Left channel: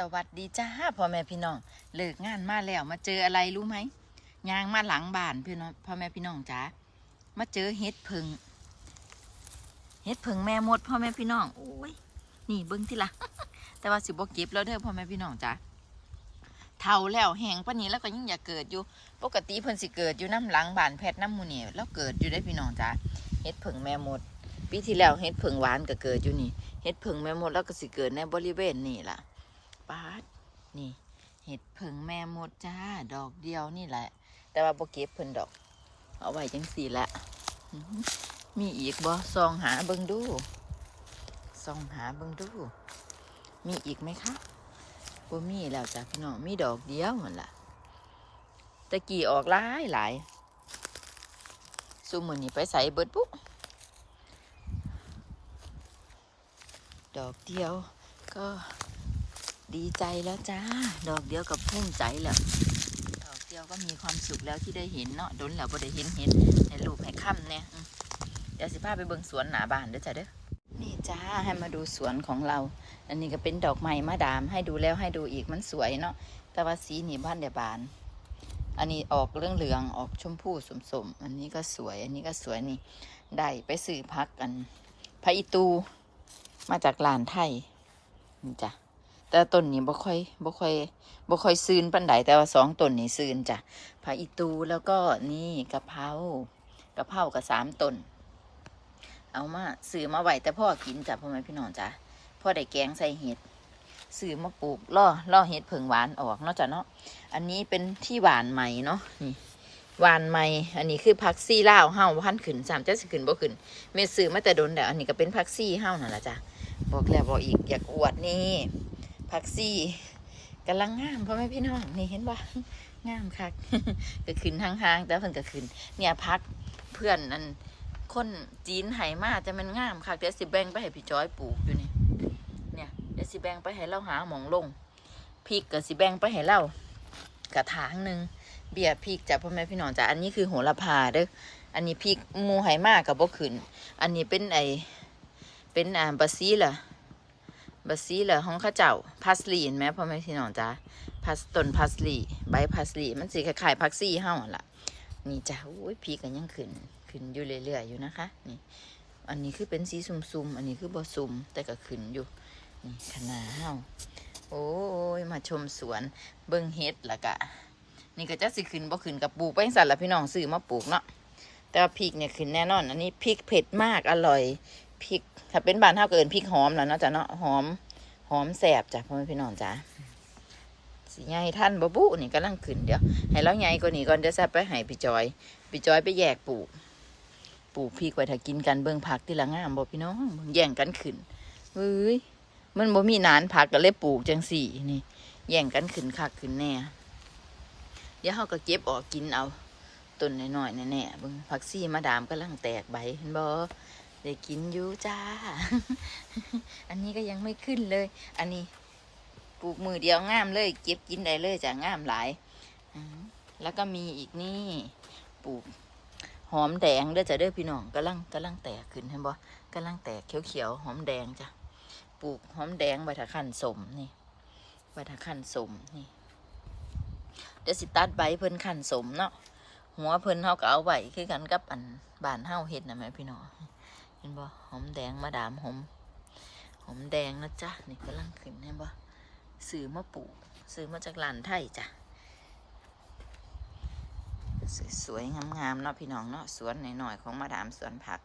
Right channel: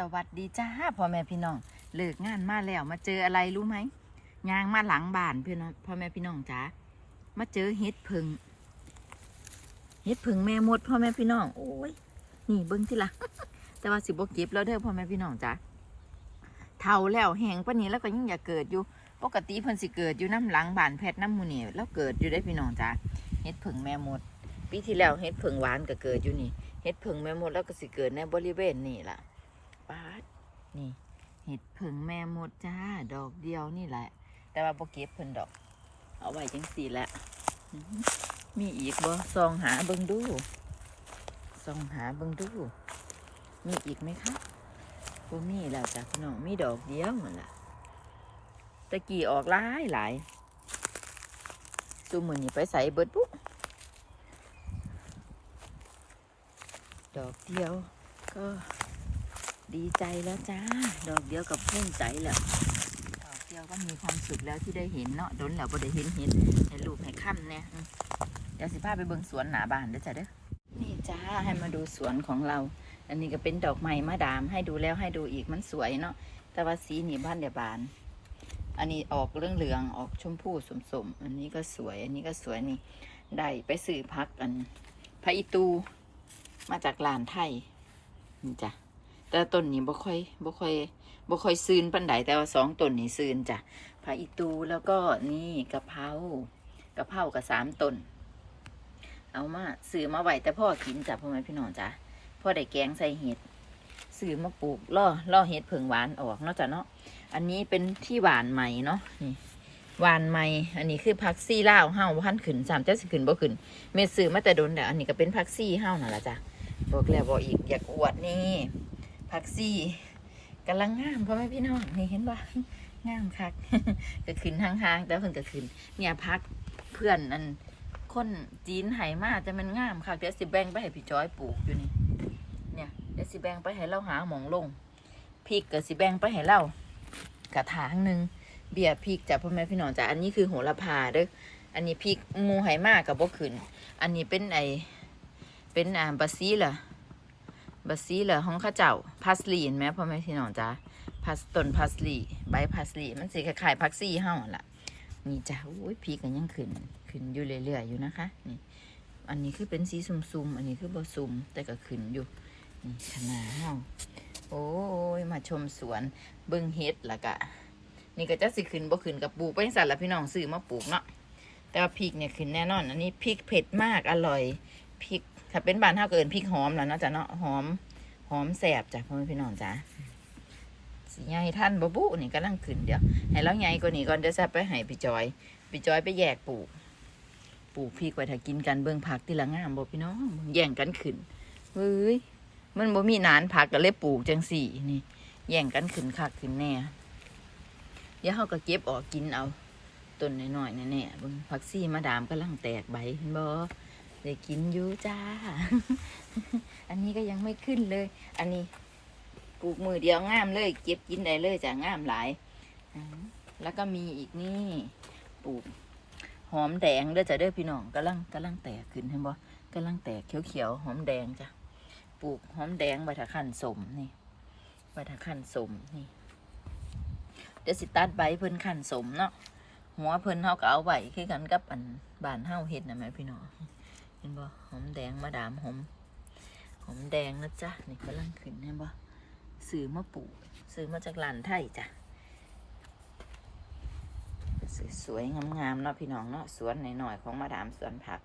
สวัสดีจ้าพ่อแม่พี่น้องเลิกงานมาแล้วมาเจออะไรรู้ไหมยางมาหลังบ้านพี่น้องพ่อแม่พี่น้องจ้ามาเจอเห็ดผึ่งเห็ดผึ่งแม่มดพ่อแม่พี่น้องโอ้ยนี่เบิ้งที่ละแต่ว่าสิบเก็บแล้วเด้อพ่อแม่พี่น้องจ้าเท่าแล้วแหงปนนี้แล้วก็ยังอยากเกิดอยู่ ปกติเพิ่นสิเกิดอยู่น้ำหลังบ้านแพทย์น้ำมูนี่แล้วเกิดอยู่ได้พี่น้องจ้าเห็ดผึ่งแม่มดปีที่แล้วเห็ดผึ่งหวานก็เกิดอยู่นี่เห็ดผึ่งแม่มดแล้วก็สิเกิดในบริเวณนี่ล่ะ ปาดนี่ เห็ดผึ่งแม่หมดจ้า ดอกเดียวนี่แหละ แต่ว่าโบเก็บเพิ่นดอก เอาไว้จังสี่ละมีอีกบ่ซองหาเบิ่งดูซองหาเบิ่งดู มีอีกไหมคะบ่มีแล้วจ้ะพี่น้องมีดอกเดียวหมดละตะกี้ออกหลายหลายซูมือนี่ไปใส่เบิดปุ๊บดอกเดียวก็ ดีใจแล้วจ้า ดอกเดียวกับพุ่งใจแล้วดอกเดียวก็มีความสุขแล้วที่ได้เห็นเนาะโดนแล้วบ่ได้เห็นเห็นให้ลูกให้ค่ำเนี่ยเดี๋ยวสิพาไปเบิ่งสวนหนาบ้านเด้อจ้ะเด้อนี่จ้าให้มาดูสวนของเรา อันนี้ก็เป็นดอกไม้มาดาม ให้ดูแล้วให้ดูอีกมันสวยเนาะแต่ว่าสีนี่บ้านเดียบาน อันนี้ออกเรื่องเหลืองออกชมพูสมๆอันนี้ก็สวย อันนี้ก็สวยนี่ได้ไปซื้อพักกันพระอิตูมาจากลานไทยนี่จ้ะ แต่ต้นนี้บ่ค่อยบ่ค่อยบ่ค่อยซืนปันไดแต่ว่าสองต้นนี้ซืนจ้ะผักอีตูแล้วก็นี่กะเพรากะเพรากับสามต้น เอามาซื้อมาไหวแต่พ่อกินจ้ะพ่อแม่พี่น้องจ้ะพ่อได้แกงใส่เห็ดซื้อมาปลูกล่อล่อเห็ดเผิงหวานออกเนาะจ้ะเนาะอันนี้เป็นที่หวานใหม่เนาะหวานใหม่ อันนี้คือผักซี่ลาวเฮาพันขึ้นสามเจะสิขึ้นบ่ขึ้นเมดซื้อมาแต่โดนแต่อันนี้ก็เป็นผักซี่เฮานั่นแหละจ้ะบอกแล้วบอกอีกอยากอวดนี่ ผักซี่กำลังงามพ่อแม่พี่น้องนี่เห็นบ่งามคักก็ขึ้นห่างๆแต่เพิ่นก็ขึ้น เนี่ยพักเพื่อนอันคนจีนไหมาจะมันงามคักเดี๋ยวสิแบ่งไปให้พี่จอยปลูกอยู่นี่ เนี่ยเดี๋ยวสิแบ่งไปให้เราหาหมองลงพริกก็สิแบ่งไปให้เรากระถางหนึ่งเบียร์พริกจ้ะพ่อแม่พี่น้องจ้ะอันนี้คือโหระพาเด้ออันนี้พริกมูไหมากับบ่ขึ้น อันนี้เป็นไอเป็นอ่าบาซีล่ะ บัสซี่เหรอของข้าเจ้าพาสลีเห็นไหมพ่อแม่พี่น้องจ้าพาสต้นพาสลีใบพาสลีมันสีคล้ายๆพักซี่เฮาหั่นล่ะ นี่จ้าโอ้ยพีกันยังขึ้นขึ้นอยู่เรื่อยๆอยู่นะคะนี่อันนี้คือเป็นสีซุ่มๆอันนี้คือบ่ซุ่มแต่ก็ขึ้นอยู่นี่ขนาเฮาโอ้ยมาชมสวนเบิ่งเฮ็ดละกะ นี่ก็จะสิขึ้นบ่ขึ้นกับปลูกไปจั่งสั่นละพี่น้องซื้อมาปลูกเนาะแต่พริกเนี่ยขึ้นแน่นอน อันนี้พริกเผ็ดมากอร่อย พริกถ้าเป็นบ้านเท่าเกินพริกหอมแล้วเนาะจ้ะเนาะหอมหอมแสบจ้ะพ่อแม่พี่น้องจ้ะสีใหญ่ท่านบบุนี่กำลังขึ้นเดี๋ยวให้เราใหญ่กว่านี้ก่อนเดี๋ยวจะไปให้พี่จอยพี่จอยไปแยกปลูกปลูกพริกไว้ถ้ากินกันเบิ่งผักที่ละงามบ่พี่น้องแย่งกันขึ้นเฮ้ยมันบ่มีนานผักก็เลยปลูกจังสี่นี่ แย่งกันขึ้นคักขึ้นแน่เดี๋ยวเขาก็เก็บออกกินเอาต้นน้อยๆแน่ๆเบิ่งผักซี่มาดามกำลังแตกใบเห็นบ่ ได้กินอยู่จ้า อันนี้ก็ยังไม่ขึ้นเลย อันนี้ปลูกมือเดียวงามเลย เก็บกินได้เลยจ้ะงามหลายแล้วก็มีอีกนี่ปลูกหอมแดงเด้อจ้ะเด้อพี่น้องกำลังกำลังแตกขึ้นเห็นบ่กำลังแตกเขียวๆหอมแดงจ้ะปลูกหอมแดงใบถะขันสมนี่ใบถะขันสมนี่เดี๋ยวสิตัดใบเพิ่นขันสมเนาะหัวเพิ่นเฮาก็เอาไว้คือกันกับอันบ้านเฮาเฮ็ดนะแม่พี่น้อง ห็นบ่หอมแดงมาดามหอมหอมแดงนะจ๊ะนี่กำลังขึ้นเห็นบ่ซื้อมาปลูกซื้อมาจากหลานไทยจ้ะสวยๆงามๆเนาะพี่น้องเนาะสวนหน่อยๆของมาดามสวนผัก